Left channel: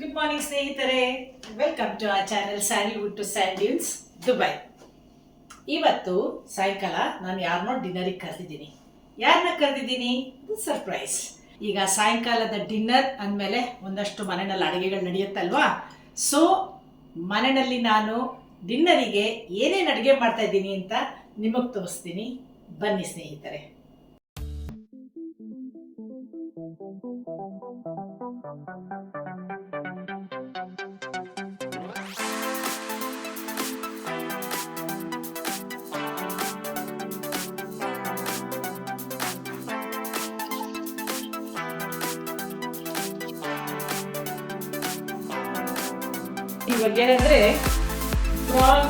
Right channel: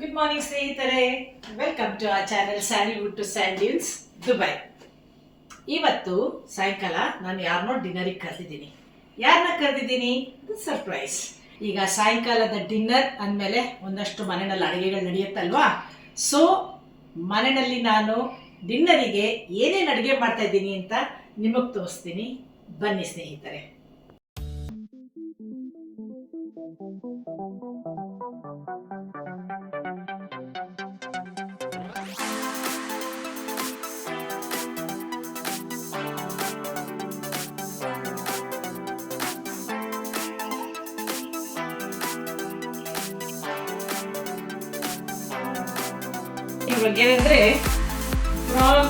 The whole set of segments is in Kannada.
ಗುಡ್ ಮಾರ್ನಿಂಗ್ ಸ್ನೇಹಿತರೆ, welcome to our channel Sandalwood to Sand Dunes Dubai. ಇವತ್ತು ಸಾಯಂಕಾಲ ನಾನು ಯಾರನ್ನೋ ಡಿನ್ನರಿಗೆ ಕರೆದಿದ್ದೀನಿ. ಯಾರನ್ನ ಕರೆದಿದ್ದೀನಿ? ಸರ್ಪ್ರೈಸ್. ಈಗ ಸಾಯಂಕಾಲದ ಡಿನ್ನರ್ ಅಂದಮೇಲೆ ಒಂದಷ್ಟು ಮನೆಯಲ್ಲಿ ಅಡುಗೆಗಳು ನಡೆಯುತ್ತಲ್ವಾ. ಸೊ ಮನೆಯಲ್ಲಿ ನಾನು ಡಿನ್ನರಿಗೆ ಏನೇನು ಅಡುಗೆ ಮಾಡ್ತಾ ಇದ್ದೀನಿ ಅಂತ ನಿಮಗೆ ತೋರಿಸ್ತೀನಿ. ಬನ್ನಿ ಸ್ನೇಹಿತರೆ. ಇವಾಗ ಏನಂದ್ರೆ ಪ್ರಾನ್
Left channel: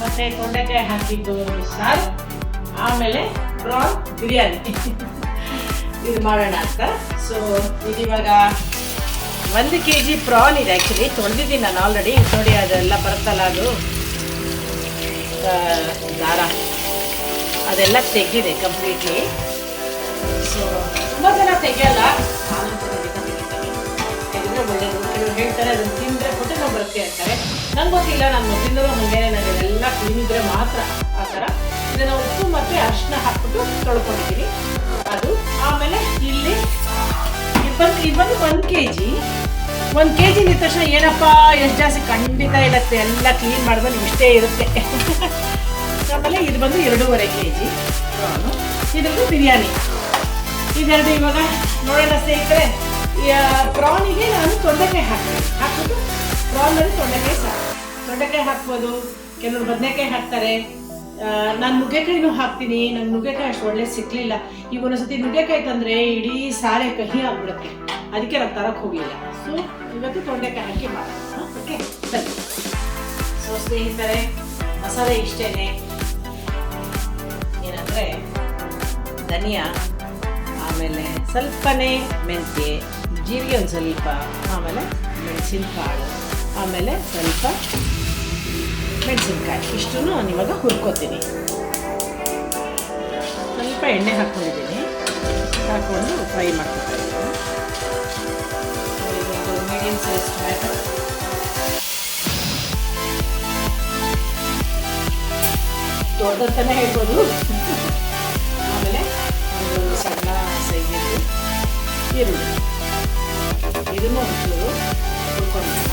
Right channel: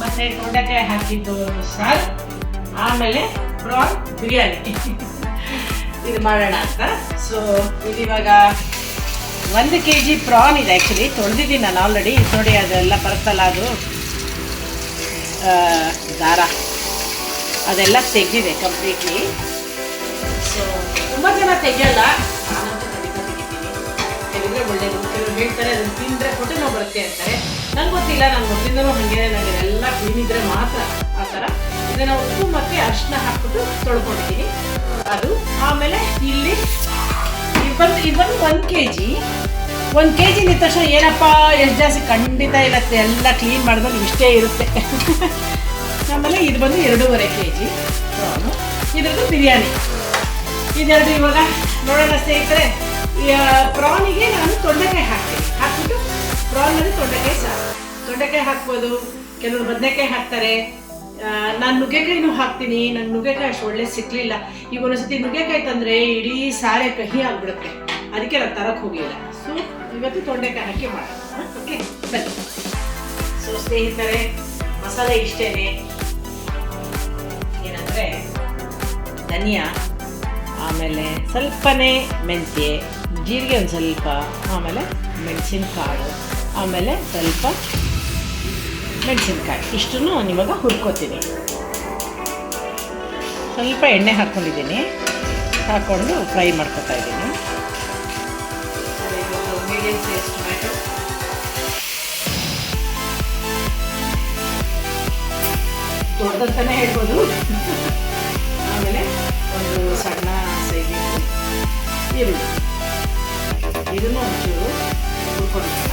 ಮತ್ತೆ ತೊಂಡೆಕಾಯಿ ಹಾಕಿದ್ದು ಸಾರು, ಆಮೇಲೆ ಪ್ರಾನ್ ಬಿರಿಯಾನಿ ಇದು ಮಾಡೋಣ ಅಂತ. ಸೊ ಇದಿವಾಗ 1 kg ಪ್ರಾನ್ ಇದೆ. ಆ್ಯಕ್ಚುಲಿ ತೊಳೆದಿದ್ದೀನಿ ನಾನು ಆಲ್ರೆಡಿ. ನೋಡಿ ಅದೆಲ್ಲ ಬರುತ್ತಲ್ಲ, ಅದು ದಾರ ಅದೆಲ್ಲ ತೆಗೆದಿದೆ ಕಂಪ್ಲೀಟ್ಲಿ. ಸೊ ತುಂಬ ಜನ ತೆಗಿಯಲ್ಲ, ನಾನಂತೂ ಖಂಡಿತ ತೆಗಿತೀನಿ. ತೆಗೆದ್ರೆ ಒಳ್ಳೇದು. ಕೆಲವರು ಹೇಳ್ತಾರೆ ಅದನ್ನು ತಿಂದರೆ ಹೊಟ್ಟೆ ನೋವು ಬರುತ್ತೆ ಅಂತಾರೆ. ನಂಗೆ ಗೊತ್ತಿಲ್ಲ, ನಾನು ಮೊದಲಿಂದಲೂ ಹಾಗೆ ನನಗೆಲ್ಲ ಕ್ಲೀನ್ ಇದ್ದರೆ ಮಾತ್ರ ಆ ಥರ. ಇದನ್ನು ಉಪ್ಪು ಮತ್ತು ಅರಿಶಿನ ಹಾಕ್ಬಿಟ್ಟು ತೊಳ್ಕೊಂಡಿದ್ದೀನಿ ಅದು. ಆಮೇಲೆ ಇಲ್ಲಿ ಇವತ್ತು 1 kg ನಿಂದ ತಕ್ಷಣ ಏನಪ್ಪ ಎಷ್ಟು ಜಾಸ್ತಿ ಖಂಡಿತ ಇರುತ್ತೆ. ಎಲ್ಲ ಕ್ಲೀನ್ ಮಾಡಿದ್ರೆ ಇಷ್ಟೇ ಇರುತ್ತೆ. ಆಮೇಲೆ ಇದು ಬಂದು 2.5 kg ಪ್ರಾನು. ಇದ್ರದ್ದು ಬಿರಿಯಾನಿ. ಇದೆರಡು ಇವಾಗ ನೋಡೋಣ ಸ್ನೇಹಿತರೆ. ಪ್ರಾನಿಗೆ ನಾನು ತೊಂಡೆಕಾಯಿ ಹಾಕ್ಬಿಟ್ಟು ಪ್ರಾನಲ್ಲಿ ತೊಂಡೆಕಾಯಿ ಹಾಕ್ಬೋದು. ಕೆಲವರು ಬದನೆಕಾಯಿ ಹಾಕ್ತಾರೆ. ನಾನು ನುಗ್ಗೆಕಾಯಿನೂ ಹಾಕ್ತೀನಿ. ನಂಗೆ ನುಗ್ಗೆಕಾಯಿ ಅಷ್ಟು ಒಳ್ಳೆ ಸಿಕ್ಕಲಿಲ್ಲ. ಈಗ ಒಂದೊಂದ್ಸತಿ ನುಗ್ಗೆಕಾಯಿ ತಂದರೆ ಇಡೀ ಸಾರೆ ಕಹಿ ಆಗಿಬಿಡುತ್ತೆ. ಅದಕ್ಕೆ ನಾನು ತರಕ್ಕೆ ಹೋಗಲಿಲ್ಲ. ಸೊ ಇವತ್ತು ತೊಂಡೆಕಾಯಿ ಹಾಕಿ ಮಾಡೋಣ. ಓಕೆ ಬನ್ನಿ. ಸೊ ಸ್ನೇಹಿತರೆ, ಮಸಾಲೆ ಇಷ್ಟೇ. ಏನಂದರೆ ಧನಿಯಾ, ಆಮೇಲೆ ಸ್ವಲ್ಪನೇ ಮೆಂತ್ಯ, ಜೀರಿಗೆ ಒಂದು ಸ್ವಲ್ಪ, ಆಮೇಲೆ ಮೆಣಸಿನಕಾಳು, ಆಮೇಲೆ ಸ್ವಲ್ಪ ಮೆಣಸಿನ್ಕಾಯಿ. ಇಷ್ಟನ್ನು ಇವಾಗ ಹುರ್ಕೋತೀನಿ. ಸ್ವಲ್ಪ ಎಣ್ಣೆ ಹಾಕ್ಕೊಂಡಿದ್ದೀನಿ. ಹಾಕ್ಕೊಂಡು ಫ್ರೈ ಮಾಡ್ಕೊತಾ ಇದ್ದೀನಿ. ಮೀಡಿಯಮ್ ಸೈಜ್ ಟೊಮ್ಯಾಟೊ, ದೊಡ್ಡದಂತಾನೆ ಹೇಳ್ಬೋದು. ಆಮೇಲೆ ಒಂದು ಸಣ್ಣ ಸೈಜಿದ್ದು ಈರುಳ್ಳಿ, ಇದನ್ನು ಒಂಚೂರು ಹುರ್ಕೊಂಡಿಲ್ಲ.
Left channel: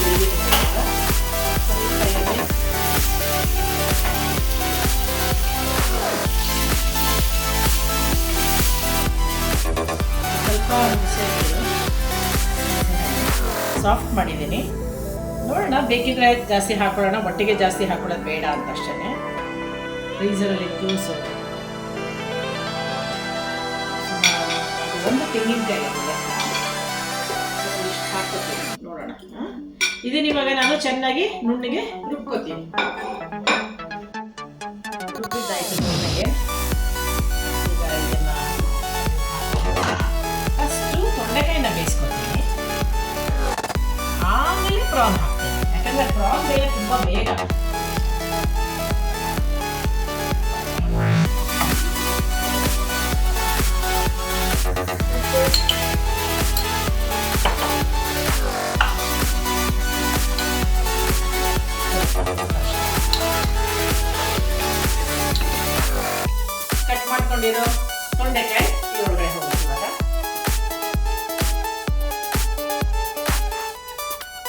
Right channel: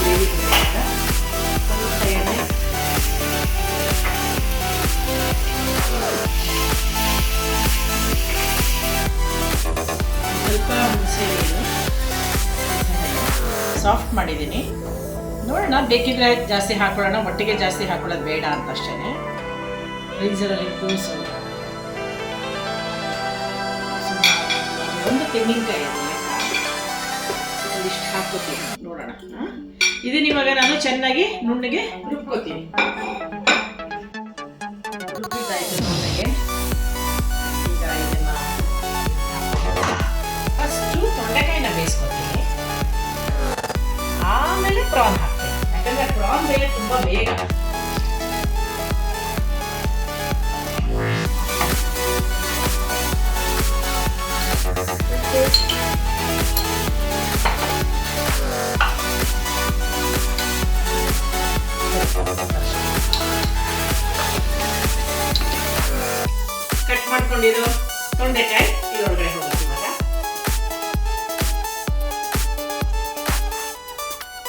ಗ್ರೇವಿ ಸ್ವಲ್ಪ ಹುಣಸೆ ಸಾಫ್ಟ್ ಮಾಡಿದ್ದೀನಿ. ನೋಡೋಣ, ಬೇಕಿದ್ರೆ ಜಾಸ್ತಿ ಹಾಕೊಳ್ಳೋಣ. ಒಟ್ಟಿಗೆ ಜಾಸ್ತಿ ಹಾಕೊಳ್ಳೋದು ಬೇಡ ಅಂತ ಅಷ್ಟೇ. ಫ್ರೀಸರಲ್ಲಿತ್ತು. ಸೊ ಒಂದು ತೆಂಗಿನಕಾಯಿ ಇಷ್ಟು ಹಾಕ್ಕೋತೀನಿ. ನೋಡೋಣ. ಇದನ್ನ ಇವಾಗ ನಾನು ಚೆನ್ನಾಗಿ ನುಣ್ಣಗೆ ರುಬ್ಕೋತೀನಿ. ರುಬ್ಬಿದ್ದಾಯ್ತು ನುಣ್ಣಗೆ. ಈಗ ಇದನ್ನ ಫಸ್ಟು ತೊಂಡೆಕಾಯಿನ ಬೇಯಿಸ್ಕೊತೀನಿ. ಆಮೇಲೆ ಪ್ರಾನ್ ಹಾಕ್ತೀನಿ. ಯಾಕಂದರೆ ಪ್ರಾನ್ ಮೇಲೆ ತುಂಬ ಬೇಗ ಕಟ್ ಮಾಡ್ಕೊಂಡಿರೋ ತೊಂಡೆಕಾಯಿ ಇದರೊಳಗಡೆ ಹೋಗುತ್ತೆ. ಇವಾಗ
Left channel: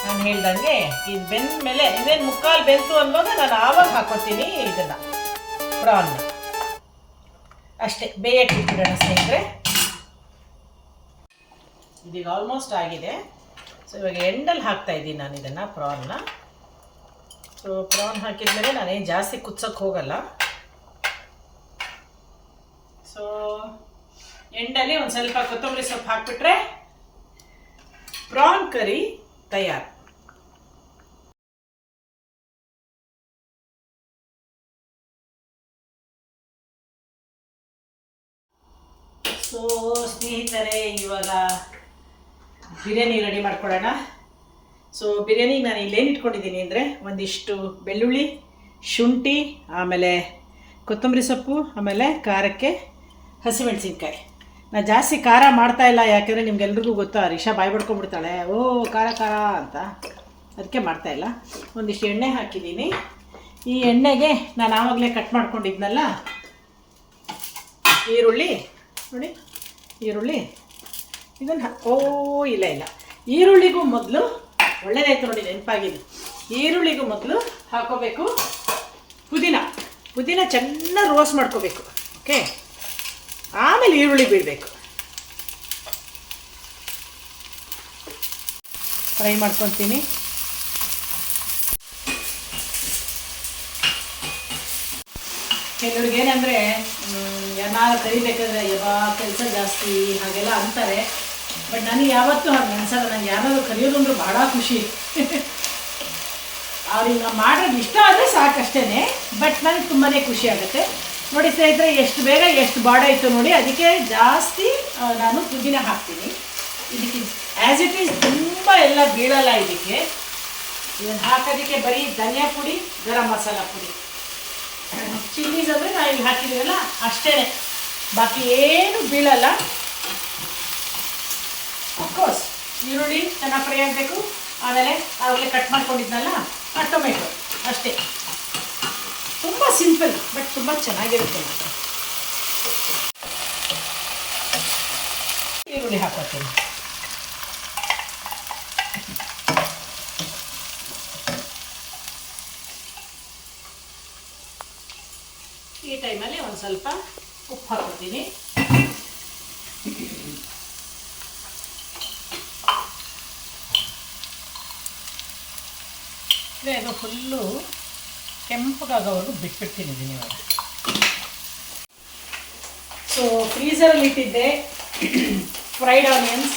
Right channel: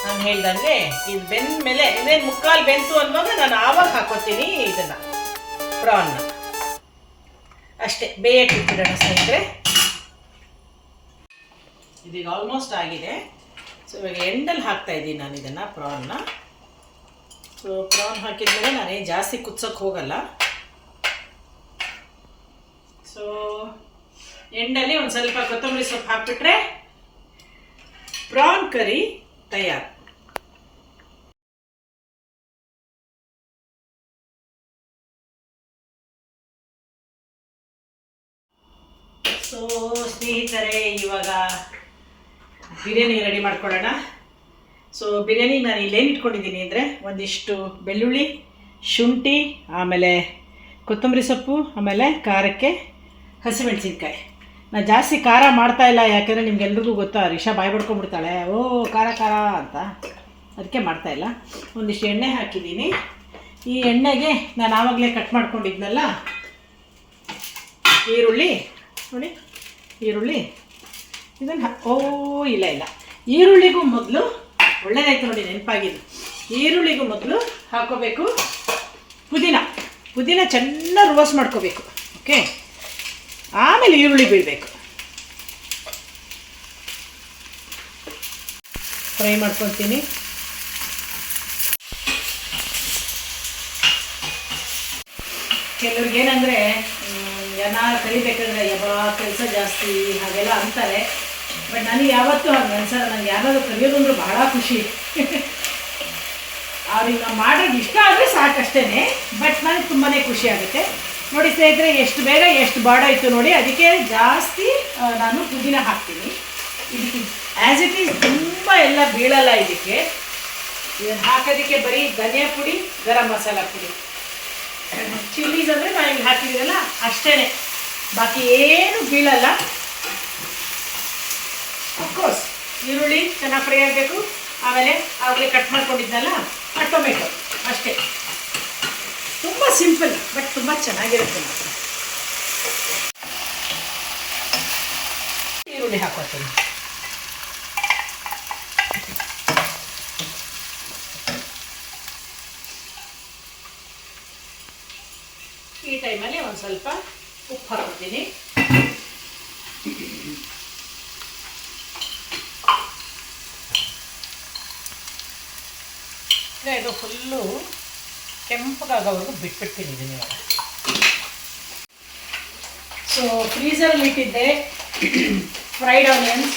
ನಾನು ಹೇಳ್ದಂಗೆ ಇದು ಬೆಂದ ಮೇಲೆ ಇನ್ನೇನು ಮುಕ್ಕಾಲು ಬೆಂತು ಅನ್ನುವಾಗ ನಾನು ಆವಾಗ ಹಾಕೋತೀನಿ ಇದನ್ನ ಪ್ರಾನ್ನ. ಅಷ್ಟೇ, ಬೇಯಕ್ಕೆ ಇಟ್ಟಿರೋಣ ಸ್ನೇಹಿತರೆ. ಇದೀಗ ಆಲ್ಮೋಸ್ಟ್ ಆಗಿದೆ. ಸೊ ಇವಾಗ ಎಂಡಲ್ಲಿ ಹಾಕ್ತಾ ಇದ್ದೀನಿ ನಾನು ಇದನ್ನು, ಪ್ರಾನ್ನ. ಸೊ ಪ್ರಾನ್ ಹಾಕಿದ್ಮೇಲೆ ನಾನೇನು ಜಾಸ್ತಿ ಕುದಿಸೋಕ್ಕೆ ಹೋಗಲ್ಲ. ಸೊ ಎಂಡಲ್ಲಿ ಒಂದು ಸ್ವಲ್ಪ ಕೊತ್ತಂಬರಿ ಸೊಪ್ಪು ಹಾಕ್ಬಿಟ್ರೆ ಪ್ರಾನ್ ಕರಿ ತಯಾರು. ಸೊ ಸ್ನೇಹಿತರೆ, ಇವಾಗ ಬಿರಿಯಾನಿ ರೆಡಿ ಮಾಡ್ಕೊಳ್ಳೋಣ. ಸೊ ಬಿರಿಯಾನಿಗೆ ನಾನು ಇಲ್ಲೇನು ಇಟ್ಕೊಂಡಿದ್ದೀನಿ ಅಂದರೆ ಒಂದಿಷ್ಟು ಬೆಳ್ಳುಳ್ಳಿ, ಶುಂಠಿ, ಆಮೇಲೆ ಕೊತ್ತಂಬರಿ ಸೊಪ್ಪು, ಆಮೇಲೆ ಖಾರಕ್ಕೆ ಹಸಿಮೆಣಸಿನ್ಕಾಯಿ ನಾನು ಜಾಸ್ತಿ ಖಾರ ಮಾಡ್ತಾಯಿಲ್ಲ, ಯಾಕೆಂದರೆ ನಿಮ್ಗೆಲ್ರಿಗೂ ಗೊತ್ತಾ ರಿಷಾ ಬಾಯಿ ಬಡ್ಕೊಂಡ್ಬಿಡ್ತಾಳೆ, ಓ ಖಾರ ಖಾರ ಅಂತ, ಅದಕ್ಕೆ ಮಾಡ್ತಾಯಿಲ್ಲ. ಒಂದಿಷ್ಟು ಎಣ್ಣೆ ಹಾಕಿದ್ದೀನಿ. ಈ ಎಣ್ಣೆಗೆ ನಾನು ಆವಾಗಲೇ ಕಟ್ ಮಾಡ್ಕೊಂಡಿದ್ನಲ್ಲ ಈರುಳ್ಳಿ ನೋಡಿ, ಈರುಳ್ಳಿ ಇದನ್ನು ಇಲ್ಲ ಈರುಳ್ಳಿಗೂ ಮೊದಲು ಒಳ್ಳೆಯದಾಯ್ತು ನೋಡಿ, ನೆನಪಾಗಿದ್ದು. ಈರುಳ್ಳಿಗೂ ಮೊದಲು ಹಾಕೋಬೇಕು ಪುದೀನ ಚೆನ್ನಾಗಿ ರೋಸ್ಟ್ ಮಾಡ್ಕೋಬೇಕು. ಓಕೆ, ಆಮೇಲೆ ಈರುಳ್ಳಿ ಬೀಳಬೇಕು. ಫ್ರೈ ಮಾಡ್ಕೊತೀನಿ. ಕೆಲವ್ರಿಗೇನೆಂದರೆ ಏನಾರು ಕರಿಬೇಕಾದ್ರೆ ಕೆಲಸ ಜಾಸ್ತಿ ಹಾಗೆಲ್ಲ ಅಂತಾರೆ. ಬಟ್ ನನಗೆ ಯಾವತ್ತೂ ಹಾಗೆ ಅನ್ಸಲ್ಲ. ನನಗೆ ಯಾರಾದರೂ ಕರಿಯೋದು ಅಂದ್ರೆ ಬಹಳ ಖುಷಿ. ಅವ್ರಿಗೆ ಮಾಡೋದು ಇಷ್ಟ ಆದರೆ ಸಾಕಷ್ಟೇ. ಬಟ್ ನನಗೆ ತುಂಬಾ ಖುಷಿ ಆಗುತ್ತೆ ನೋಡಿ ಸ್ನೇಹಿತರೆ. ಎಷ್ಟು ಬೇಗ ಎಷ್ಟು ಬಾಡಾಯಿತು ನೋಡಿ. ಅದಕ್ಕೆ ಜಾಸ್ತಿ ನಾನು ಪುದೀನ ಹಾಕ್ತೀನಿ. ಇದಕ್ಕೆ ಆ್ಯಸ್ ಇಟ್ ಈಸ್ ತುಂಬ ಎಲ್ಲ ಬೀಳಲ್ಲ. ಇದಕ್ಕೆ ಇದನ್ನು ಹಾಕೋದಕ್ಕೆ ಬರೀ ಧನಿಯಾ ಪುಡಿ, ಗರಂ ಮಸಾಲ ಪುಡಿ, ಚಿಲ್ಲೀಸ್ ಅಂದರೆ ನಾನು ಇಲ್ಲಿ ಹಾಕಿದ್ದೀನಲ್ಲ ಅಷ್ಟೇ, ಬಾಕಿ ಏನು ಬೀಳಲ್ಲ. ಅಫ್ಕೋರ್ಸ್ ಈರುಳ್ಳಿ ಚೆನ್ನಾಗಿ ಫ್ರೈ ಆಗಬೇಕು. ಆಮೇಲೆ ಆವಾಗಲೇ ಕಟ್ ಮಾಡ್ಕೊಂಡಿದ್ನಲ್ಲ ಟೊಮೆಟೊ, ಅಷ್ಟೇ. ತುಂಬ ಸಿಂಪಲ್ ಬಟ್ ತುಂಬ ಚೆನ್ನಾಗಿರುತ್ತೆ. ಈರುಳ್ಳಿ ಹಾಕೋತೀನಿ. ಈ ಟೈಮಲ್ಲಿ ಒಂದು ಸ್ವಲ್ಪ ಉಪ್ಪು ಹಾಕೋತೀನಿ. ಇದು ಫುಲ್ಲು ಕೆಂಪಗಾಗೋವರೆಗೂ ಬಿಟ್ಬಿಡ್ತೀನಿ ಇದನ್ನ ಇವಾಗ. ಸೊ ಫ್ರೀಝರಲ್ಲಿ ಇಟ್ಟಿದ್ದೆ ಫ್ರೈಡ್ ಆನಿಯನ್ಸ್.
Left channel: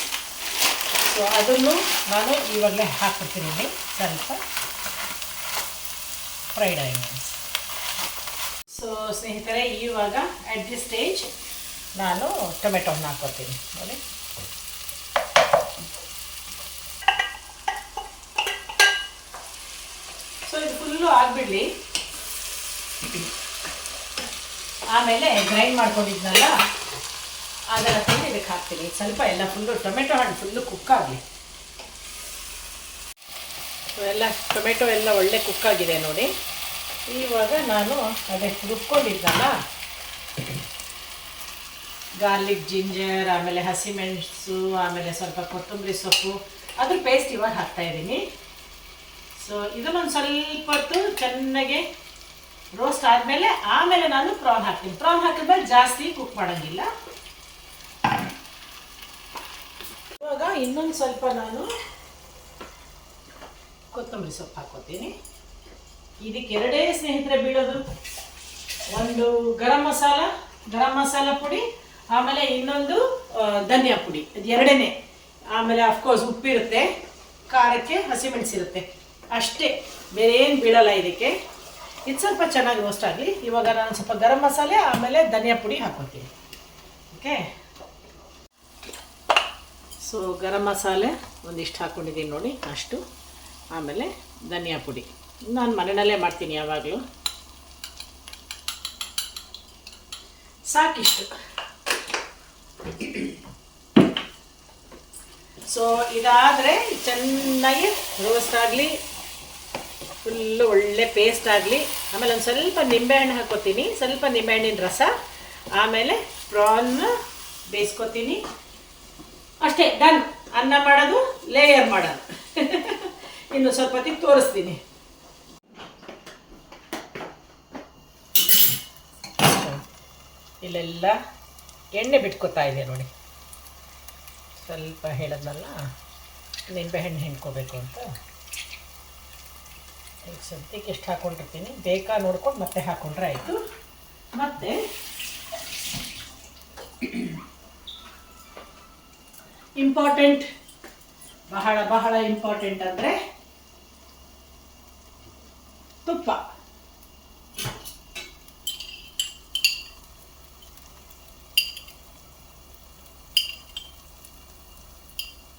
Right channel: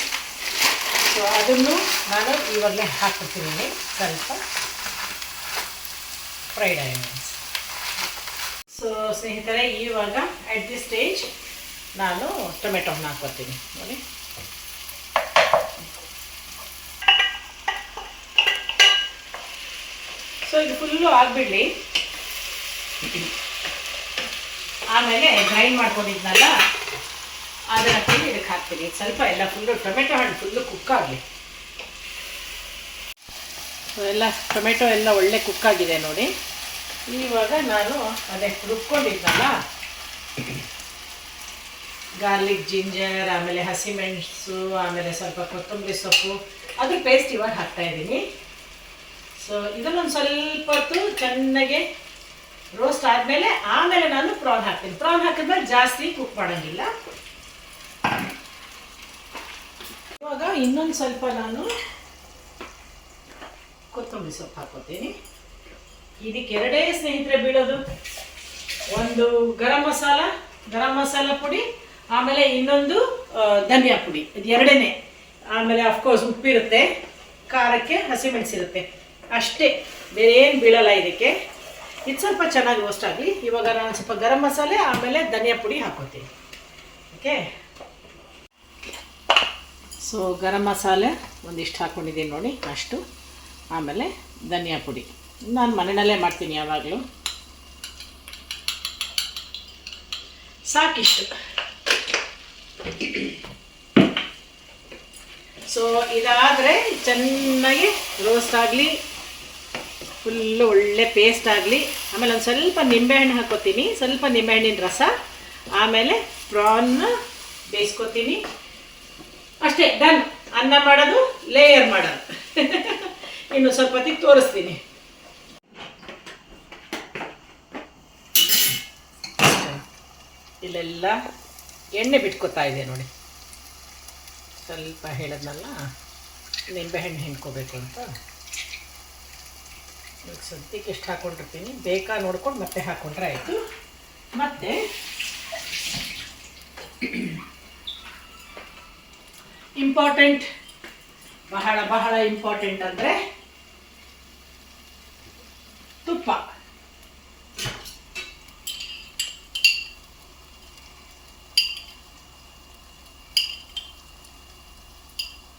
ಸೊ ಅದನ್ನು ನಾನು ಇವಾಗಲೇ ಹಾಕ್ಬಿಡ್ತೀನಿ ಸ್ವಲ್ಪ ಫ್ರೈಡ್ ಆನಿಯನ್ಸ್. ಸೊ ಸ್ನೇಹಿತರೆ, ಇವಾಗ ಅಟ್ ದಿಸ್ ಸ್ಟೇಜ್ ನಾನು ಟೊಮೆಟೊನ ಹಾಕ್ಕೊತೀನಿ ನೋಡಿ. ಸೊ ಇದು ಫುಲ್ಲು ಆಗಿಬಿಡಲಿ. ಆಮೇಲೆ ಗ್ರೈಂಡ್ ಮಾಡ್ಕೊಂಡಿದ್ನಲ್ಲ ಅದನ್ನು ತಂದು ಇದಕ್ಕೆ ಹಾಕ್ತೀನಿ. ಸ್ವಲ್ಪ ಎಲ್ಲ ಫುಲ್ಲು ಟೊಮೆಟೊ ಹಣ್ಣು ಫುಲ್ಲು ಕುಕ್ಕಾಗಲಿ. ಸೊ ಎಲ್ಲ ಟೊಮೆಟೊ ಎಲ್ಲ ಒಳ್ಳೆ ಕುಕ್ಕಾಗಿದೆ ನೋಡಿ. ಇವಾಗ ನಾನು ಅದೇ ರುಬ್ಕೊಂಡಿದ್ನಲ್ಲ ಗಾರ್ಲಿಕ್, ಜಿಂಜರ್, ಆಮೇಲೆ ಹಸಿಮೆಣಸು, ಆಮೇಲೆ ಸ್ವಲ್ಪ ಕೊತ್ತಂಬರಿ ಸೊಪ್ಪು, ಅದ್ರ ಪೇಸ್ಟ್ ಇವಾಗ ಹಾಕ್ತಾಯಿದ್ದೀನಿ. ಸೊ ಇದನ್ನೊಂದು ಸ್ವಲ್ಪ ಹೊತ್ತು ಚೆನ್ನಾಗೆ ರೋಸ್ಟ್ ಆದಮೇಲೆ ಆಮೇಲೆ ನಾನು ಪ್ರಾನ್ ಹಾಕ್ತೀನಿ. ಪ್ರಾನ್ ಹಾಕಿದ್ಮೇಲೆ ಜಾಸ್ತಿ ಕುಕ್ ಮಾಡೋಂಗಿಲ್ಲ. ಇವಾಗ ಇನ್ನೊಂದು ಸ್ವಲ್ಪ ನಾನು ಕೊತ್ತಂಬರಿ ಸೊಪ್ಪು ಹಾಕೋತೀನಿ. ಇದಕ್ಕೆ ಎರಡೇ ಸ್ನೇಹಿತರೆ ಬೀಳೋದು. ಒಂದು ಗರಂ ಮಸಾಲ ಪುಡಿ, ಆಮೇಲೆ ಇನ್ನೊಂದು ಧನಿಯಾ ಪುಡಿ, ಇದು ಎರಡೇ. ಆಮೇಲೆ ಅಫ್ಕೋರ್ಸ್ ಉಪ್ಪಿರುತ್ತೆ, ಖಾರಕ್ಕೆ ಹಸಿಮೆಣಸಿರುತ್ತೆ, ಅಷ್ಟೇ. ಬೇರೆ ಏನು ಬೀಳಲ್ಲ ಇದಕ್ಕೆ. ಇದು ಸ್ವಲ್ಪ ಚೆನ್ನಾಗಿ ರೋಸ್ಟ್ ಆಗಲಿ. ಇವಾಗ ನಾನು ಸ್ವಲ್ಪ ಗರಂ ಮಸಾಲೆ ಆಮೇಲೆ ಧನಿಯಾ ಪುಡಿ ಹಾಕೋತೀನಿ. ಓಕೆ, ಸೊ ಗರಂ ಮಸಾಲೆ ಒಂದಿಷ್ಟು ಹಾಕ್ಕೊಂಡಿದ್ದೀನಿ ನೋಡಿ ಅಷ್ಟು. ಆಮೇಲೆ ಧನಿಯಾ ಪುಡಿ ನಾನು ಮನೆಯಲ್ಲೇ ಮಾಡ್ತೀನಿ ಯಾವಾಗಲೂ. ಸಾಕಿಷ್ಟು. ಸೊ ಇದಾದರೆ ಚೆನ್ನಾಗಿ ರೋಸ್ಟ್ ಆಗಲಿ, ಫುಲ್ಲು ಒಳ್ಳೆ ಪೇಸ್ಟ್ ಆಗಲಿ. ಆಮೇಲೆ ಒಂದು ಸ್ವಲ್ಪ ನಿಂಬೆಹಣ್ಣು ಹಾಕ್ಕೋತೀನಿ, ಸ್ವಲ್ಪ ನಿಂಬೆಹಣ್ಣಿನ ರಸ. ಆಮೇಲೆ ಪ್ರಾನ್ನ ಬೇಯಿಸ್ಕೊತೀನಿ. ಅಷ್ಟೇ, ಡನ್. ಅನ್ನ ಮಾಡೋದು, ಲೇಯರ್ ಮಾಡೋದು. ಇನ್ನು ಸ್ವಲ್ಪ ಹೊತ್ತಿಗೆ ತೋರಿಸ್ತೀನಿ. ಇಲ್ಲೆಲ್ಲ ಎಣ್ಣೆ ಬಿಟ್ಕೋತಾ ಇದೆ ನೋಡಿ. ಸ್ವಲ್ಪ ಹೇಳಿದ್ನಲ್ಲ ನಿಂಬೆಹಣ್ಣು ಹಿಂಡ್ಕೋಬೇಕು ಅಂತ. ಈಗ ಸದ್ಯಕ್ಕೆ ಎಷ್ಟು ಹಾಕ್ಕೊಂಡಿರ್ತೀನಿ, ಬೇಕಾ ನೋಡ್ಕೊಂಡು ಮತ್ತೆ ಹಾಕ್ಕೊಂಡ್ರೆ ಆಯಿತು. ಮತ್ತು ಇಂಪಾರ್ಟೆಂಟ್, ಬಹಳ ಬಹಳ ಇಂಪಾರ್ಟೆಂಟ್ ಅಂದರೆ ತುಪ್ಪ.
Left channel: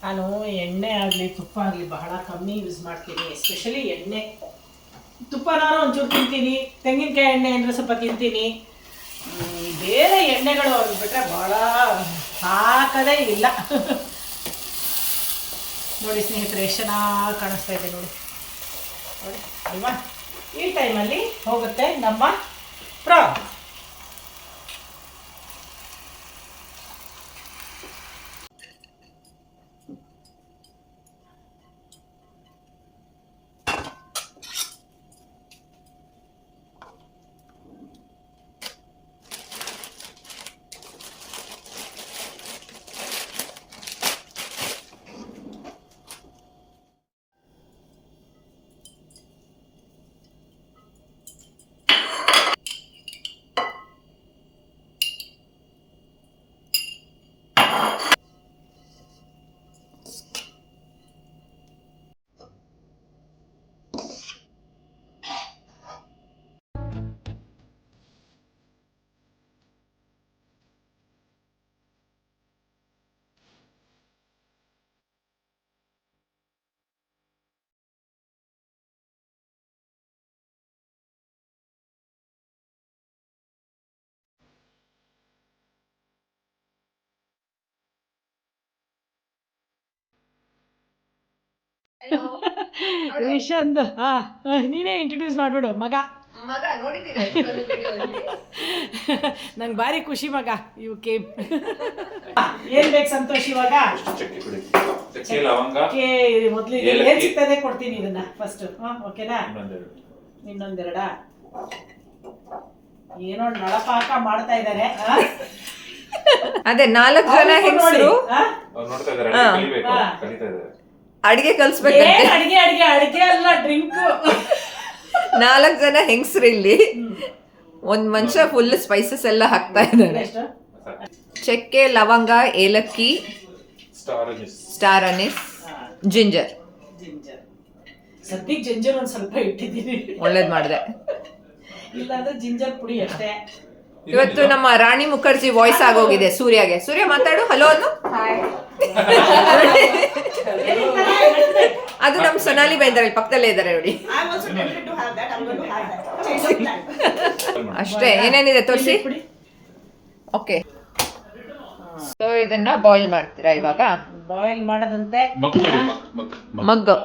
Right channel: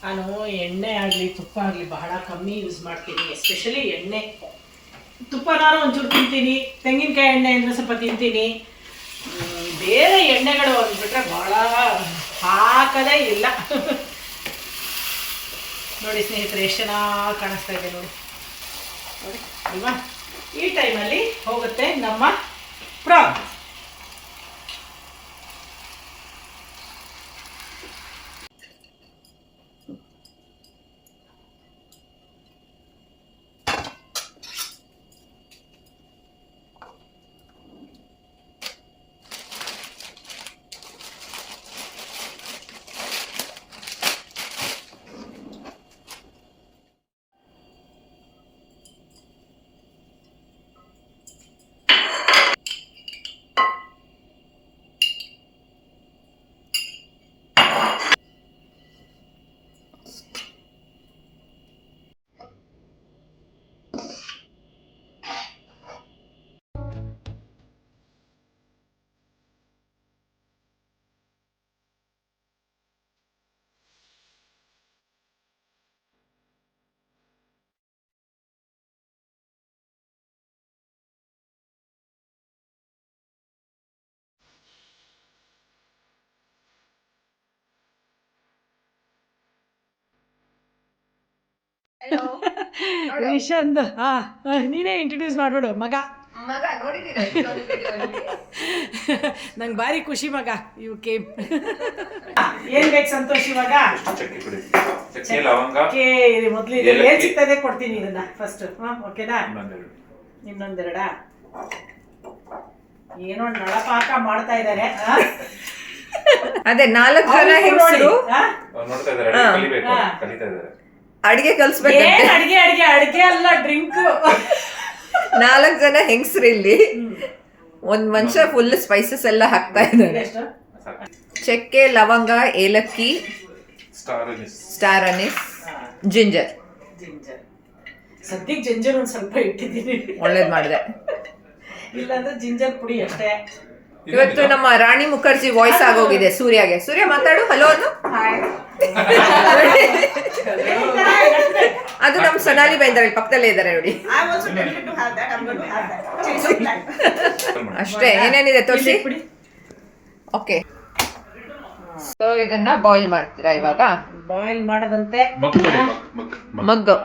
ನಾನು ಎಣ್ಣೆ ಆಗಲಿ ತುಪ್ಪ ಆಗಲಿ ಬಹಳ ಕಮ್ಮಿ ಯೂಸ್ ಮಾಡ್ತೀನಿ. ಎಸ್ಪೆಷಲಿ ಎಣ್ಣೆ. ತುಪ್ಪ ನಾನು ಒಂಚೂರು ತಿಂತೀನಿ, ತೆಂಗಿನಕಾಯಿ ಎಣ್ಣೆ ಅಂದರೆ ಸ್ವಲ್ಪ ತಿಂತೀನಿ. ಬೇರೆ ಎಣ್ಣೆಗಳು ಅಂದ್ಬಿಟ್ರೆ ಭಾಳ ಹಾಕದೇ ಇಲ್ಲ. ನೋಡಿ ಸ್ನೇಹಿತರೆ, ಎಷ್ಟು ಚೆನ್ನಾಗಿ ಕಾಣಿಸ್ತಾ ಇದೆ ನೋಡಿ ಅಲ್ವಾ. ಈ ಟೈಮಲ್ಲಿ ಹೋಗುತ್ತೆ ನಮ್ಮ ಪ್ರಾನ್. ರಿಷಂದ್ ನೀನೇ ಇಂಟ್ರೊಡ್ಯೂಸ್ ಮಾಡ್ಬಿಡು. ಮಗ ನಂಗೆ ಭಾರಿ ಖುಷಿ ಮಗ. ಇವು ಕೇಮ್ ಏನ್ ಬೇಕು ಸಂತೋಷ್ ಇವಾಗ? ಮೊದ್ಲು ಏನ್ ಸಿಗ್ತದೆ ಕೊಡ್ತೀನಿ ಇದನ್ನ ಫಸ್ಟ್. ಓಕೆನಾ? ಇನ್ನೊಂದೆರಡ ಏನೋ ನಳಪಾಕ ಮಾಡ್ತಾ ಇದ್ದಾರೆ. ಅದೇ 4 ಜನ ಹೆಂಗಸರು ಅಡಿಗೆ ಕಲ್ಸ್ಬೇಕಂತೆ. ಅಡಿಗೆ ಅಲ್ಲ, ಡ್ರಿಂಕ್. 4 ಜನ ಹೆಂಗಸರು ಇಲ್ಲಿ, ಒಂದ್ ಮನುಷ್ಯ ಫುಲ್ ಸ್ಪೈಸಸ್ ಎಲ್ಲ ಹಾಕ್ತಾ ಇದ್ದಾರೆ. ಚಕ್ಕೆ, ಲವಂಗ, ಏಲಕ್ಕಿ, ಸ್ಟಾರ್ ಅನಿಸ್, ಜಿಂಜರ್. ಸದ್ಯಕ್ಕೆ ಜಿಂಜರ್ ಒಂದ್ ಸ್ವಲ್ಪ ಇಟ್ಟಿದ್ದೀನಿ, ಒಳ್ಳೇದ್ ಮಾಡಿದೆ. ಇಲ್ಲಾಂದ್ರೆ ಜಿಂಜರ್ ಪುಡಿ ಅಷ್ಟೇ. ಇವತ್ತು ನಮ್ಮ ರಾಣಿ ಮುಖರ್ಜಿ ವಾಯ್ಸ್ ಆಗೋಗಿದೆ ಸೂರ್ಯಗೆ. ಸೂರ್ಯ ಮಾತಾಡು, ಹಲೋ ಅನ್ನು. ಅದು ನಮ್ಮ ಸೊನಾಲಿ ಬೈಂದ್ರೆ ಪಕ್ಕದಲ್ಲೇ ಇದ್ದಾರೆ ನೋಡಿ. ಅಷ್ಟೇ, ಏನೇನಿದೆ ತೋರಿಸಿ. ಓಕೆ, ಸೊ ಇದನ್ನ ಬಾಯ್ಲ್ ಮಾಡ್ತೀರಾ ಇವಾಗ? ಬಾಯ್ಲ್ ಮಾಡದಂತೆ ಮಗ್ಗು.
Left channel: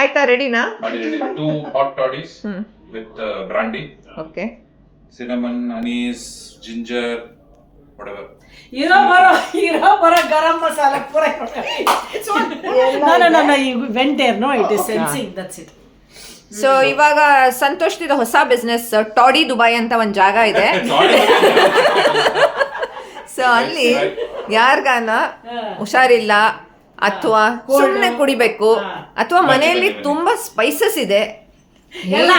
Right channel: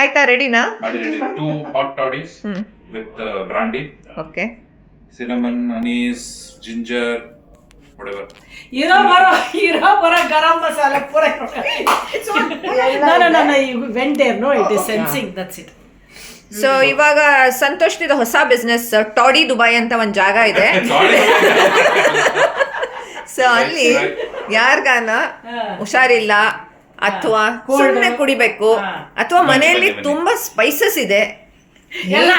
ಆಯ್ತಾ, ರೆಡಿನಾ? 2 hot toddies with brandy. Okay. Cinnamon, anise, ginger, whatever. ಇರೋ ಬರೋ ಗರಂ ಮಸಾಲ ಪೂರ. Went there, no it is sensing, that's it. So ಇವಾಗ ಸಂತೋಷ್ದಿದ ಹೊಸ ಬಿಸ್ನೆಸ್ ಟಾಡಿ ದುಬೈ ಅಂತ ಒಂದು ಜಾಗ ಇದೆ. ಸೊ ಅಲ್ಲಿ ಯಾರ್ಗಾನ ಹುಷಾರಿಲ್ಲ ಅಥವಾ ಸುಮ್ಮನೆ ಕುಡಿಬೇಕು ಅಥವಾ ಮನೆಯಲ್ಲಿ ತುಂಬಾ ಸ್ಪೈಸಸ್ ಇದೆ, ಎಲ್ಲ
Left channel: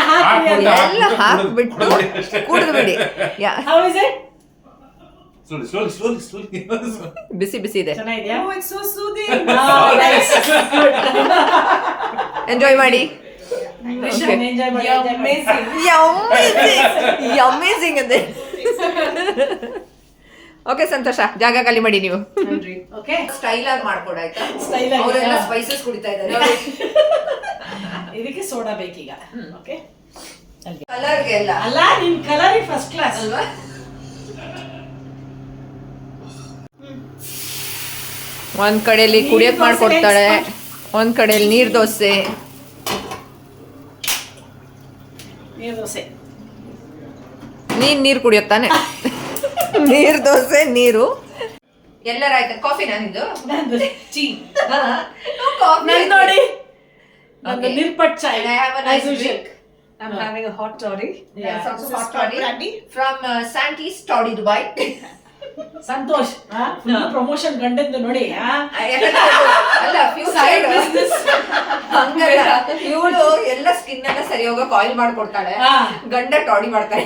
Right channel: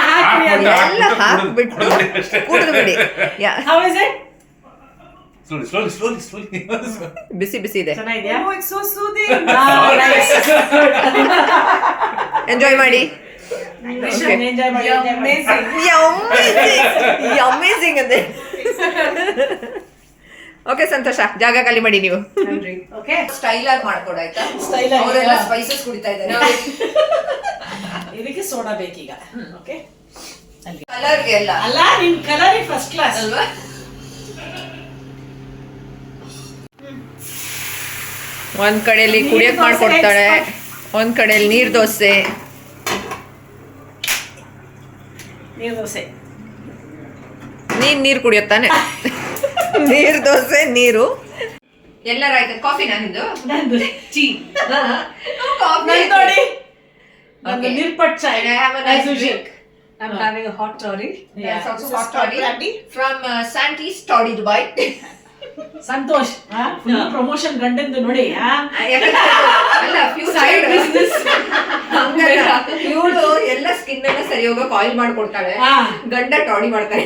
ಹಾಕ್ಬಿಟ್ಟು ಕುಡಿದು ಬಿಡಿ. ಬಿಸಿ ಬಿಸಿ ಇದೆ, ಎಂಜಾಯ್ ಮಾಡಿ. ಅಮೇಜಿಂಗ್ ಅದೇ. ಓಕೆ ಸಂತೋಷ, ಜಾಗ ಖಾಲಿ ಮಾಡಿ ನೀವು. ಸ್ಟೈಲ್ ಆಗಿ ಮಾಡ್ಕೊಡಾಯ್ತಾ? ಅವರೆಲ್ಲ ಸ್ಪೈಸಸ್ ಕುಡಿತಾ ಇದ್ದಾರೆ. ಇದಕ್ಕೆ ಸೋಡಾ ಬೇಕೀಗ. ಓಕೆ, ಕಲರ್ಗೆ ಎಲ್ಲ ಅಲ್ಲ, ನಿನ್ ಕಲರ್ ಫಸ್ಟ್ ಕ್ಲಾಸ್ ಅಲ್ವಾ? ಒಂದ್ ಕಡೆಯಲ್ಲಿ ಕುಡಿಯಕ್ ಮಾಡ್ಕೊಡ್ತಾಳೆ, ಒಂದ್ ಕಡೆಯಲ್ಲಿ ನೀರ್ ದೋಸೆ. ನೀರು ಕುಡಿಯುತ್ತಾನೆ. ನೀರ್ ದೋಸೆ, ನೀರು. ಎಲ್ಲರಾಯ್ತು? ಕಾಫಿ ನಂದು ನೋಡಿ, ನಂದು ನಿರ್ಪಟ್ ಚಾಯ್. I'm having a hot toddy. Yes, also hot toddy from Santi's Toddy Dubai. Santosh promotion ಗಂಡಂದು ನೋಡಿ ಅಲ್ಲ ಫ್ಯೂ ಸೈಡ್ ಇವಳು ಎಲ್ಲ ಸ್ಕಿನ್ ಅನ್ನ ಸರಿ ಹೋಗೋ ಆಯಿಲ್ ಮಾಡ್ಕೊಡ್ತಾಳೆ, ಗಂಡ ಟಾಡಿ ಮಾಡ್ತಾರೆ,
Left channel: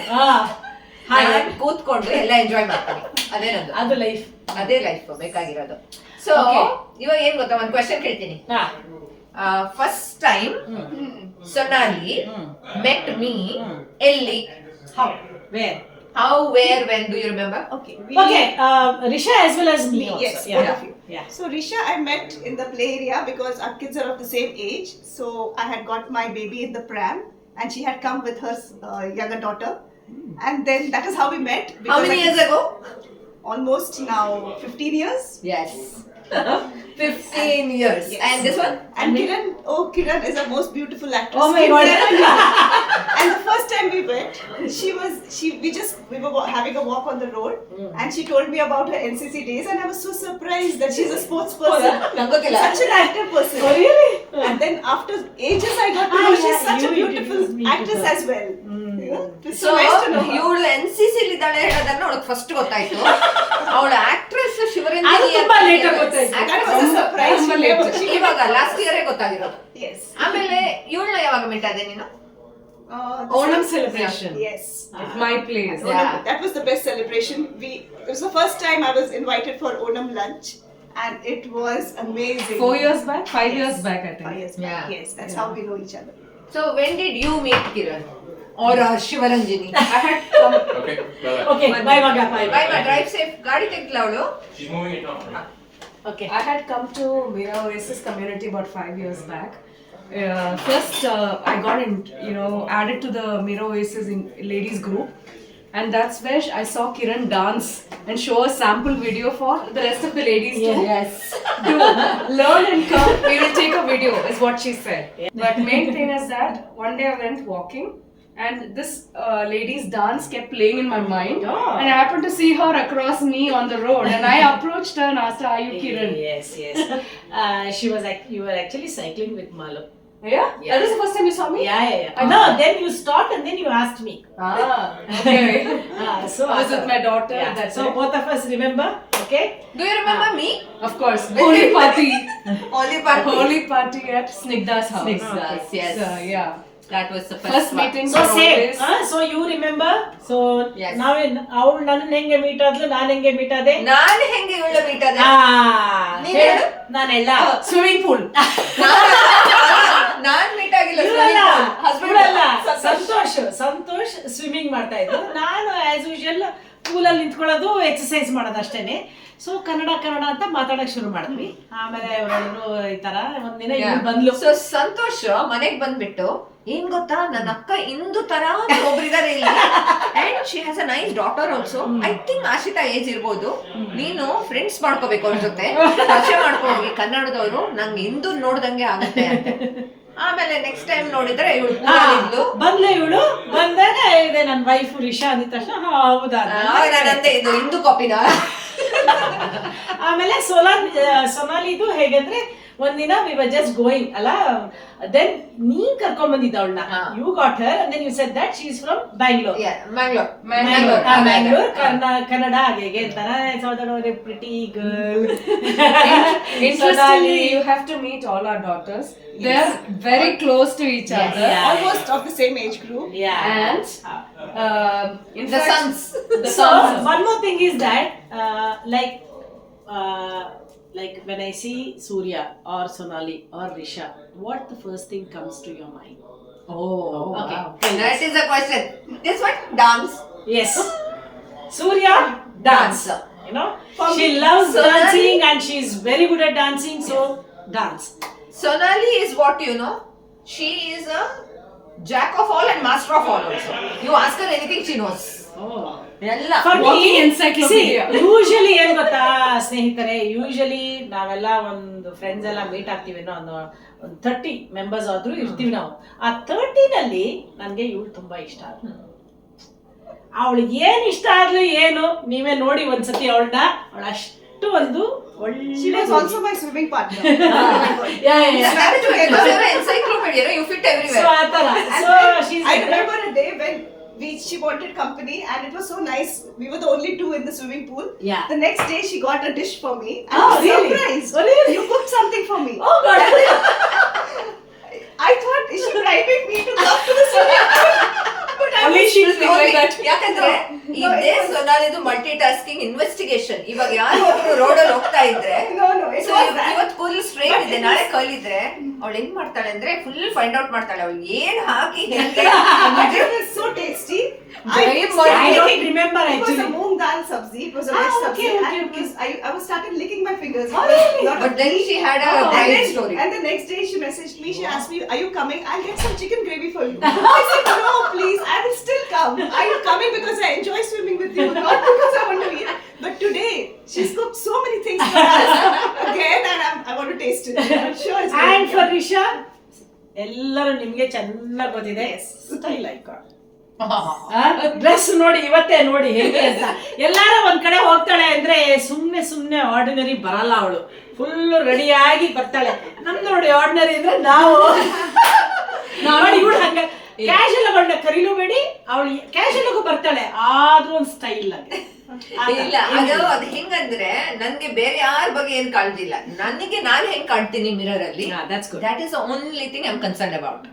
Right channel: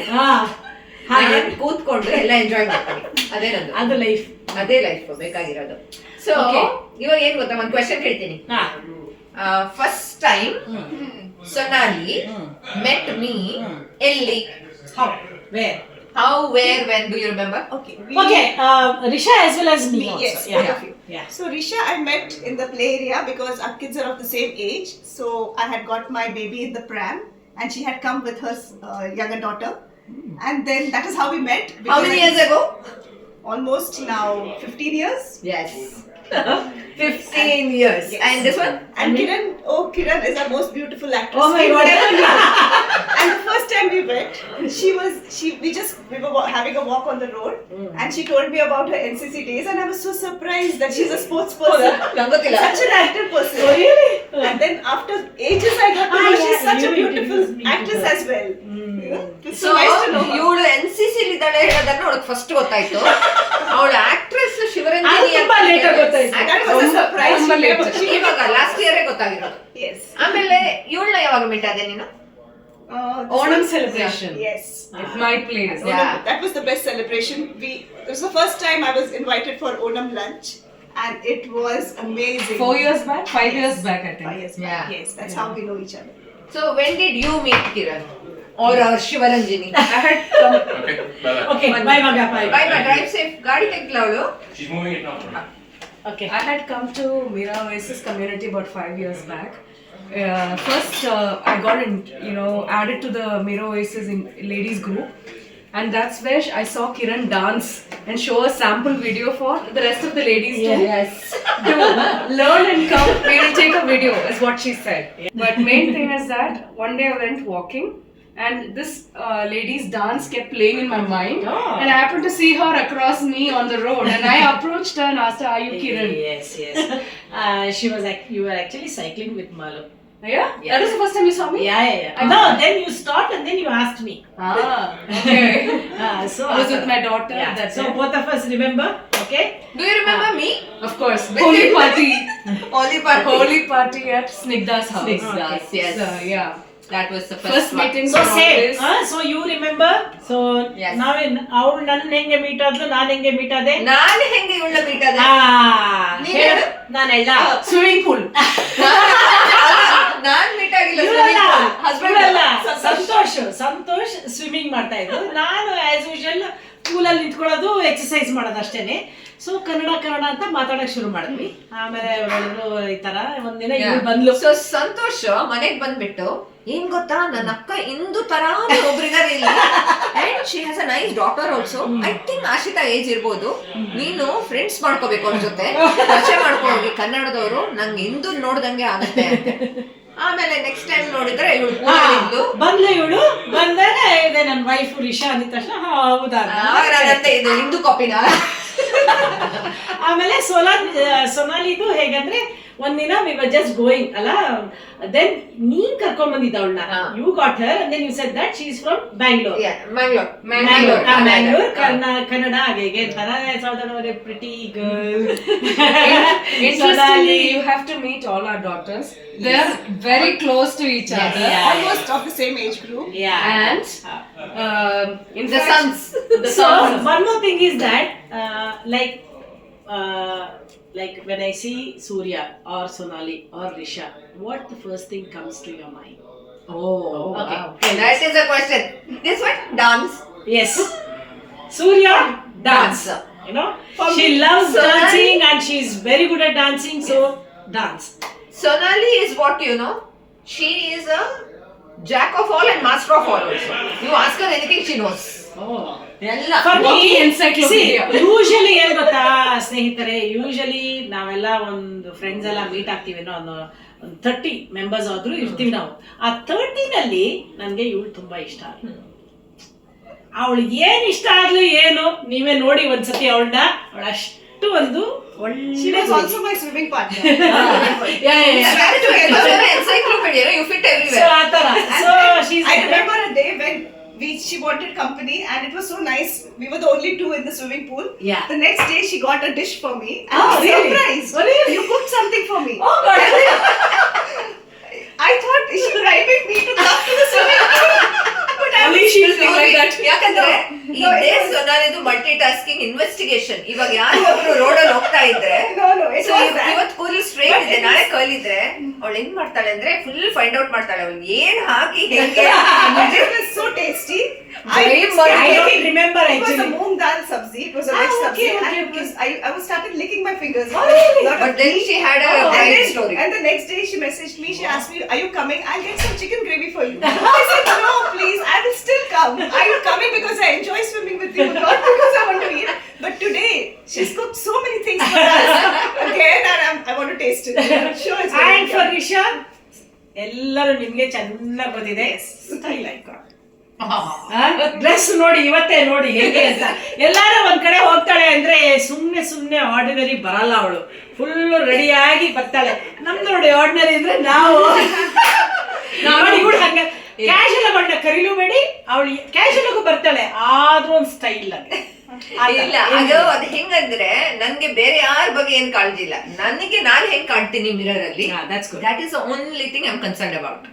ಕೂತ್ಕೊಂಡು ಎಲ್ಲ ಎಂಜಾಯ್ ಮಾಡ್ತಾರೆ. ಅದೇ ನಂದು, ಅದು ಲೈಫ್, ಅದೇ ಲೈಫ್ ಬೇಕಾಗಿರೋದು. ಸೊ ಇವಾಗ ಏನ್ ಗೊತ್ತಾ, ಒಂದ್ ಕ್ವೆಶ್ಚನ್ ಕೇಳ್ತೀನಿ. ಫಸ್ಟ್ ಟೈಮ್ ಸೊನಾಲಿ ಮೆಟ್ ಮೀ ಎಲ್ಲಿ? How, where, when? Do you remember? Okay. Risha as well as me. Yes, also. both of you. Yeah. So Risha, I met in the play area because our kids are of the same age. So I had got my baby in the pram, and she had come with her younger daughter, and then that is how we met. How many years ago? Almost now 15 years. Yes. 15 years. Yes. And this one? And Kiran is our most beautiful actress. Oh my God. And the first time we met, we were having a walk on the road, and she told me about her NCC days, and I was so surprised that she's a sports person, such an active person. Oh, really? And then after ages, I got to know she's such a beautiful actress as well. It's so nice to know her. ಇವಳು NCC ಇದ್ದಾಳೆ ಹೇಳೋದನ್ನ ಅವಳಿಗೆ ಫಸ್ಟ್ ಗೊತ್ತಾಯ್ತು. ಅವಳು ಆಕ್ಟ್ರೆಸ್ ಶಿವರಂಜನಿ ತುಂಬಾ ಲೇಟ್ ಗೊತ್ತಾಯ್ತು. That was a surprise. ಇವಾಗ ಲಾಸ್ಟ್ ಇಯರೇ ಗೊತ್ತಾಗಿರೋದು. Yes. ಆಮೇಲೆ ಇವಳನ್ನ ಯಾವಾಗ ಮೀಟ್ ಆದೆ ನೀನು? Onam celebration. Yes. At my place. Yeah. That was the best celebration. It was the first time I was invited for Onam lunch, and it was amazing. 4 years back? 5 years back, I think. 5 years back. Yeah. Yes, that's how we know each other. So when did you meet Kiran or Shivaranjini? I had come. Okay, bye-bye. Okay, bye Maga, bye. Bye bye. Drive safe. ಗಾಡಿ ತೆಗ್ದ್ಲಾ ಅವಳು? She's moving it now. Okay. I had come to Mira Oasis community about 5 years back. First, I got added to the Mira Oasis in ladies group, and that's where I saw Kiran dance and show a sample video for the rest of the ladies too. Yes. To learn and come, we will take a video, is what she said. But main thing is that one day I went walking and this lady's dance kept playing in my mind, and I happened to see her across me on the road, and I approached her and asked her, "Are you Kiran?" Yes. She was like, you were actually cycling with Malu. Yeah? That was the first time you saw me? Yeah. No, then you stopped and then you asked me. Okay. So I was with my daughter. Yeah. That's So it. both of us remember, okay? Do you remember me? Of course. Holy party. Holy party. Holy party at Snigdha's house. Snigdha's, yes. So, yeah. That was the First first one. meeting. So for same. always. So you remember? So Yes. ಅವಳು ನನ್ನ ಹೆಂಗೆ ಮೀಟ್ ಆದ್ಲು, ನಾನು ಹೆಂಗೆ ಮೀಟ್ ಆದೆ? ನಾನು ಹೆಂಗೆ ಇವಳ ಮೀಟ್ ಆದೆ? ನೀನ್ ಹೇಳು. ನಾನು ಎಲ್ಲ ಸ್ವಿಮ್ಮಿಂಗ್ ಪೂಲ್. ನಾನ್ ಮೀಟ್ ಆಗಿಲ್ಲ. ಸಂತೋಷ್ ಸ್ವಿಮ್ಮಿಂಗ್ ಮಾಡ್ತಾ ಇದ್ರು, ನಾನು ಆಸ್ ಯೂಶುವಲ್ ಪೂಲಲ್ಲಿ ನಿಂತ್ಕೊಳ್ಳೋದು, ಎಕ್ಸರ್ಸೈಸ್ ಮಾಡೋದು ಅಷ್ಟೇನೆ. ಸೊ ಕನ್ನಡ ಅಂತ ಮಾತಾಡಕ್ ಶುರು ಮಾಡಿದ್ವಿ. ಆಮೇಲೆ ಅವ್ರು ಹೇಳಿದ್ರು ಈ ತರ ಒಂದಿನ ಇವ್ಳು ಬಂದ್ಲು. ಸೊ ಸಂತೋಷ್ ಮನೆಗ್ ಬಂದ್ಬಿಟ್ಟು ಏನ್ ಗೊತ್ತಾ, ನನ್ನ ಅಕ್ಕ ಇಂದು ತರ ಒಬ್ರಿದಾರೆ ಇಲ್ಲಿ, and she has a nice daughter also. I think Ashita age ಇರ್ಬೋದು. ನೀನು ಫ್ರೆಂಡ್ಸ್ ಮಾಡ್ಕೋಬೇಕು ಅವ್ರ ಜೊತೆ, ಪರಿಚಯ ಮಾಡ್ಕೋಗಿ ಕನ್ನಡದವರು, ನಂಗೆ ಇಂದು ನೋಡ್ದಂಗೆ ಆಗುತ್ತೆ ಅಂತೆ. ಆಮೇಲೆ ನೆಕ್ಸ್ಟ್ ಟೈಮ್ ನೋಡಿದ್ರೆ ಇವಳು ಬಂದಾಗ ಇದೆ ನನ್ನ ವೈಫ್ ರಿಷಾ ಅಂದ ತಕ್ಷಣ ಹೌದಾ ಇದು ಹಿಂದೂ ಕಾಪಿನ. ಆಮೇಲೆ ಸೊನಾಲಿದು ಹೇಗಂದ್ರೆ ಒಂದಿನ ವಿ ವರ್ ಜಸ್ಟ್ ಗೋಯಿಂಗ್ ಅಲ್ಲ, ದೆನ್ ನೀನ್ ಕರ್ಕೊಂಡ್ ಬಂದಿದ್ದ ಅವಳನ್ನ, you got her and then you said that she is from Bangalore. Kannada ಹಾಗೆ ಅಂತಾರೆ. Southern pretty girl. Interestingly, you have to meet all our daughters. They are very close to each other. Almost of the same age group. And in The fact, sons. So one more thing is that like when I see Surya or Sonali or Risha, what the first thing comes to your mind? Okay. That is a question. This one, dance. Yes. Surya, dance. You know, she loves dancing and she's very good at dancing. So dance. Sonali is what you know. She is a jack of all and master of all also. You ask her anything, she knows. ಎಲ್ಲ For me, walking encyclopedia. Usually ಏನ್ ಗೊತ್ತಾ ಸ್ನೇಹಿತರೆ, ಯೂಶಲಿ ನಾವೆಲ್ಲ ಒಂದು ಫ್ರೆಂಡ್ಸ್ ಎಲ್ಲ ಮೀಟ್ ಆಗ್ತೀವಿ, ಒಂದು 30 ಮೆಂಬರ್ಸ್ ಆದ್ರೂ ಇರ್ತೀವಿ ನಾವು. ಆ 30ನಲ್ಲಿ ನನ್ಗೆ ಇವಳು ತುಂಬಾ ಇಷ್ಟ. ಅವಳು ಏನ್ ಇಷ್ಟ ಆಗ್ಲಿ ಏನು, ನೀವೇ ನೋಡಿ ಒಂದ್ಸತಿ ಅವಳನ್ನ ಅಷ್ಟು ಒಂದು She was also my swimming partner. encyclopedia, you fit everywhere. So ಆತರ. So she's I remember a day when she wanted company, and it was so nice. We were the only two in the swimming pool. Yeah. The next day, she got a dish for me, and Oh, I was really? surprised. Oh, really? You cooked something for me. Oh God. I thought, is she bribing me to come to the swimming pool? But I Only was she will think like that. ಯಾಕಂದ್ರೆ No, ಇದೇ it was- ಸೊನಾಲಿದು ಮಲ್ಟಿ ಟಾಸ್ಕಿಂಗ್ ಇನ್ವೆಸ್ಟಿಗೇಷನ್. ಇವಾಗ ಯಾರೋ ಒಬ್ರು ರೋಡಲ್ಲಿ ಹೋಗ್ತಾ ಇದ್ರೆ No, it So, was that. ಇವತ್ತು ಕೂದಲು ಸ್ಟ್ರೈಟ್ But ಇದೆ, it ನಾಳೆ is- ಕರ್ಲ್ ಇದ್ರೆ ಅವಳು ಹೆಂಗ್ ಮಾಡ್ತಾಳೆ ಅಂದ್ರೆ ಫುಲ್ ಫೈಂಡ್ ಔಟ್ ಮಾಡ್ತಾಳೆ ಅವಳು ಏನ್ ಹಾಕಿ ಹೆಂಗೆ. But it was so tasty. Very I much. I don't remember It was a actually. moong dal sabzi. It was a Ah, veg okay, sabzi. okay, And it was, I was started licking my fingers. Oh, really? Lot of But then ghee. she had a Oh. bright story. And the next day she messaged me. She asked me, "Are you coming? I'll get some chicken gravy for you." I said, "No, please. I will still come. I'm coming because I enjoy swimming with you, not because I want to eat." But today she's cooked so many things for us again, and I want to taste it. I'm sure it's very And for good. Risha, ಎಲ್ಲರೂ ನಿಮ್ಗೆ ಚೆನ್ನಾಗಿ ಗೊತ್ತಿದೆ. ಸ್ಟೈಲ್ ಡ್ರೆಸ್ ನೋಡಿ ಇವತ್ತೇ ನೋಡಿ ಹೇಗೆ ಅಂತ. ಎಲ್ಲಾರು ಒಂದ್ ಕಡೆ ಹೋಗ್ತಾಳೆ ಅಂದ್ರೆ ಸುಮ್ನೆ ಆರ್ಡಿನರಿ ಬರಲ್ಲ ಅವಳು. ಫುಲ್ ರೆಡಿಯಾಗಿ ಬರ್ತಾಳೆ. ನಮ್ದು ನೋಡಿ ಆರ್ಡಿನರಿ ಅಂದ್ರೆ ನಾವು ನೋಡಿ ಇವಳು ಹಂಗ ಕ್ಯಾಶುಯಲ್ ಅವಳನ್ನ ಕರೀಲೂಬೇಡಿ, ಅವಳು ಕ್ಯಾಶುಯಲ್ ಬರ್ತಾಳೆ ಆದ್ರೂ ಒಂದು ಸ್ಟೈಲ್ ಆಗಿ. ಇಲ್ಲ ಅದು ಹೆಂಗಂದ್ರೆ ನನ್ಗೆ ಬೇರೆ ಯಾರ ಬಗ್ಗೆ ಏನ್ ಕಾಳಜಿ ಇಲ್ಲ. ನನಗೆ ನಾನ್ ಹೆಂಗ್ ಕಾಣ್ತೀನಿ ಮಿರರ್ ಅಲ್ಲಿ, that's good. That is only thing I am concern about.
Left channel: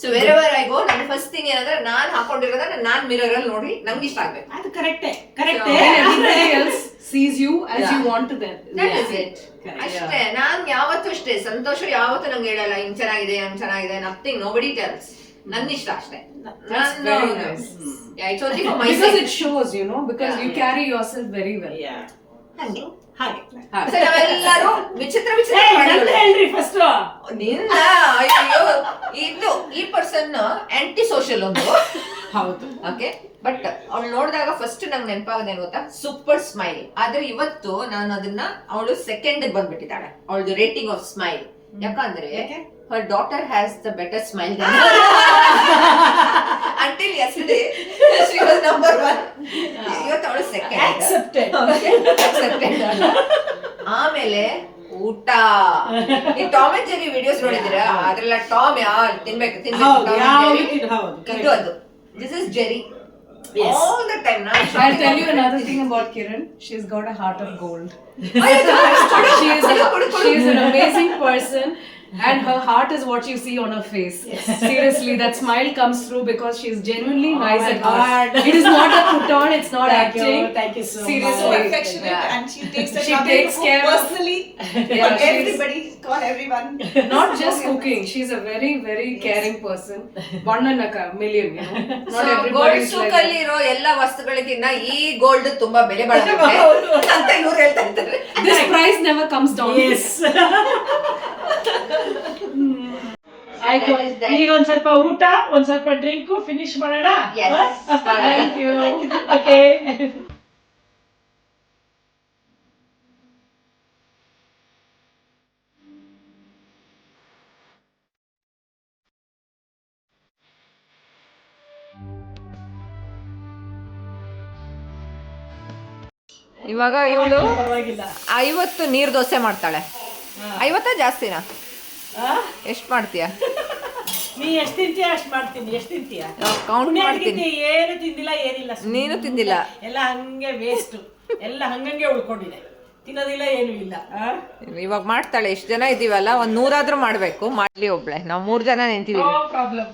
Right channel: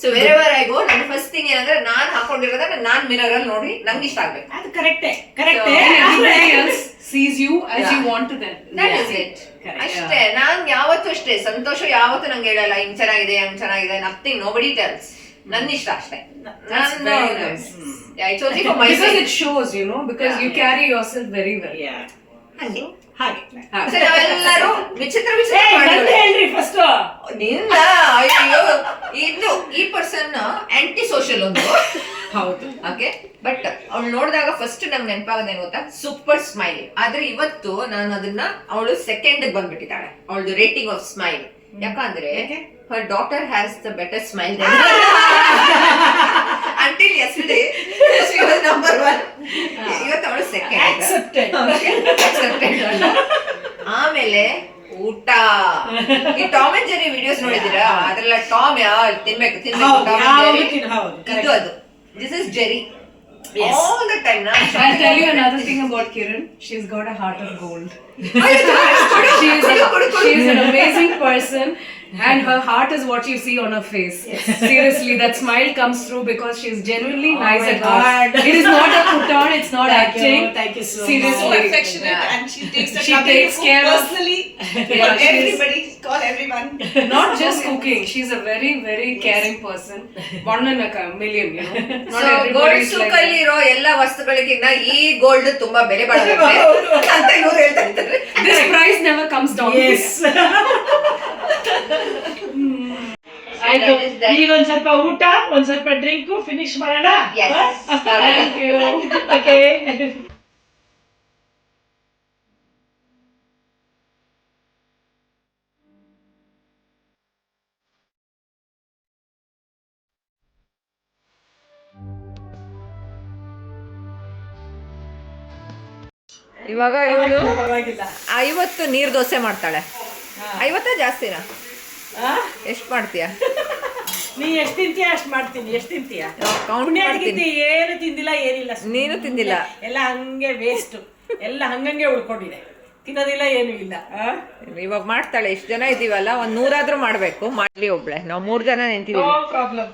So wherever I go, ನನ್ನ ಫಸ್ಟ್ ಥಿಂಗ್ ಏನಂದ್ರೆ ನಾನ್ ಹಾಕೊಂಡಿರೋದ್ರೆ ನಾನ್ ಮಿರರ್ ಅಲ್ಲಿ ನೋಡಿ ನಂಗೆ ಇಷ್ಟ ಆಗ್ಬೇಕು. ಅದು ಕರೆಕ್ಟೇ Everybody else sees you as Yeah. you want to them. That Yeah. is it. Correct. ಅಷ್ಟೇ. ನಾನ್ ಯಾವತ್ತೂ ಅಷ್ಟೇ, ಸಂತೋಷ ಯಾವತ್ತೂ ನಂಗೆ ಹೇಳಲ್ಲ ಹಿಂಗ್ ಚೆನ್ನಾಗಿದೆ ಹಂಗ್ ಚೆನ್ನಾಗಿದೆ, ನಥಿಂಗ್, ನೋಬಡಿ ಟೆಲ್ಸ್. ನನ್ನ ಇಷ್ಟ ಅಷ್ಟೇ. That's very nice. It's only for my Because sake. it shows, you know, because Yeah. you carry yourself very well. ಹಂಗೆ. ಹಾಗೆ So ನಾವೆಲ್ಲರೂ ವಿಚಿತ್ರ ವಿಚಿತ್ರ ನಂದು ಪ್ರಾಣಿಗಳು. ಹೇಳ್ರಿ ಫಸ್ಟ್. ನಿನ್ನ ಅಯ್ಯೋ, ಇದು ಈ ಪರ್ಸನ್ ಆಂಟಿ ಸೋಷಿಯಲ್ ಒಂದು. ಹೌದು. ಓಕೆ, ಬಟ್ ಅವ್ಳು ನೋಡಿದಾಗ ಫಸ್ಟ್ ನಂಗೆ ನೆನಪಾಗೋದೇನು ಗೊತ್ತಾ, ಸೂಪರ್ ಸ್ಮೈಲ್. ಆದ್ರೆ ಇವತ್ತು ನಾನು ಅದನ್ನ ಅವಳು ಸೆಕೆಂಡ್ ಬಂದ್ಬಿಟ್ಟಿದ್ದಾಳೆ ಅವಳದು ರೇಟಿಂಗ್ ಆಫ್ ಸ್ಮೈಲ್. ಯಾಕಂದ್ರೆ her daughter has the better smile than her. Until yesterday she was number 1. ಇವತ್ತು ಅವಳು ಸೆಕೆಂಡ್. Accepted. ಆಮೇಲೆ ಊಟ. ಈ ಟಾಮ್ ಅಂಡ್ ಜೆರಿ ವಿಡಿಯೋಸ್ ನೋಡಿದಿರಾ? ಅದ್ರೆಲ್ಲ ಟಾಮ್ ತಿನ್ಬೇಕು ಹೌದು, ಟಾಮ್ ಅಂಡ್ ಜೆರಿ. ಹೌದು, ಇದು ಅದು. This is Jerry. Yes. All the time. I'll tell you another thing about Kiran. She's got a heart of gold. She is an amazing person, and her heart is what you see on her face. Seriously, that smile comes through because she's genuinely nice my at heart. God. It is not a put on, it's not acting. Thank you so much. So Seriously. affectionate, Yeah. and she takes the She trouble takes to cook care of- personally Yeah, for she's- everybody. Call everyone. Not just cooking, she's a very, very caring person. One in a million, you know. Not gold everybody is like ಸೂಕ್ that. ಅಲ್ಲಿ ಇರೋ ಎಲ್ಲ ವಸ್ತುಗಳಿಗಿಂತ ಈ ಗೋಲ್ಡ್ ತುಂಬಾ ಬೆಲೆ ಬಾಳುತ್ತೆ ಅಂತ ಇವ್ರು ಹೇಳ್ತಾ ಇದ್ದಾರೆ. This price never comes down. Yes. ಆಯ್ತು, ಈಗ ಒಂದ್ ಸ್ವಲ್ಪ ಊಟ, ಒಂದ್ ಸ್ವಲ್ಪ ಡ್ರಿಂಕ್ ಫಿನಿಶ್ ಮಾಡೋಣ. Yes. Thank you. Okay. ಇವಾಗ ಇವಳು ಪರವಾಗಿಲ್ಲ. 50 ನೀರ್ ದೋಸೆ ಮಾಡ್ತಾಳೆ. 50 ಜಾಸ್ತಿನಾ? ಎಷ್ಟ್ ಮಾಡ್ತೀಯ? ನೀ ಎಷ್ಟ್ ತಿಂತೀಯ ಅಷ್ಟ್ ಮಾಡ್ತೀನಿ. ಎಷ್ಟ್ ತಿಂತೀಯ? ಕೌಂಟ್ ಪುಣ್ಯಾತ್ಗಿಂತ ಮಾಡ್ತೀನಿ. ಏನು ತಿಂದಿಲ್ಲ, ಏನಿಲ್ಲ. ನೀನು ತಿಂದಿಲ್ಲ. ಎಲ್ಲ ಹಂಗೆ ವೇಸ್ಟ್, ಎಲ್ಲ ಹಂಗಂಗೆ ಉಳ್ಕೊಂಡಿದೆ. ತಿನ್ನೋದಿಲ್ಲ, ಏನು ಇಲ್ಲ. ಇವಾಗ ಮಾಡ್ತಾಳೆ. ಇಷ್ಟು ಜನ ಇದೀವಲ್ಲ, ಒಂದ್ 100 ಆದ್ರೂ ಮಾಡ್ಬೇಕು. ಮಾಡ್ಲಿ ಒಬ್ಳೆ, ನಾವು 3 ಜನ ನಿಂತೀವಿ. No problem.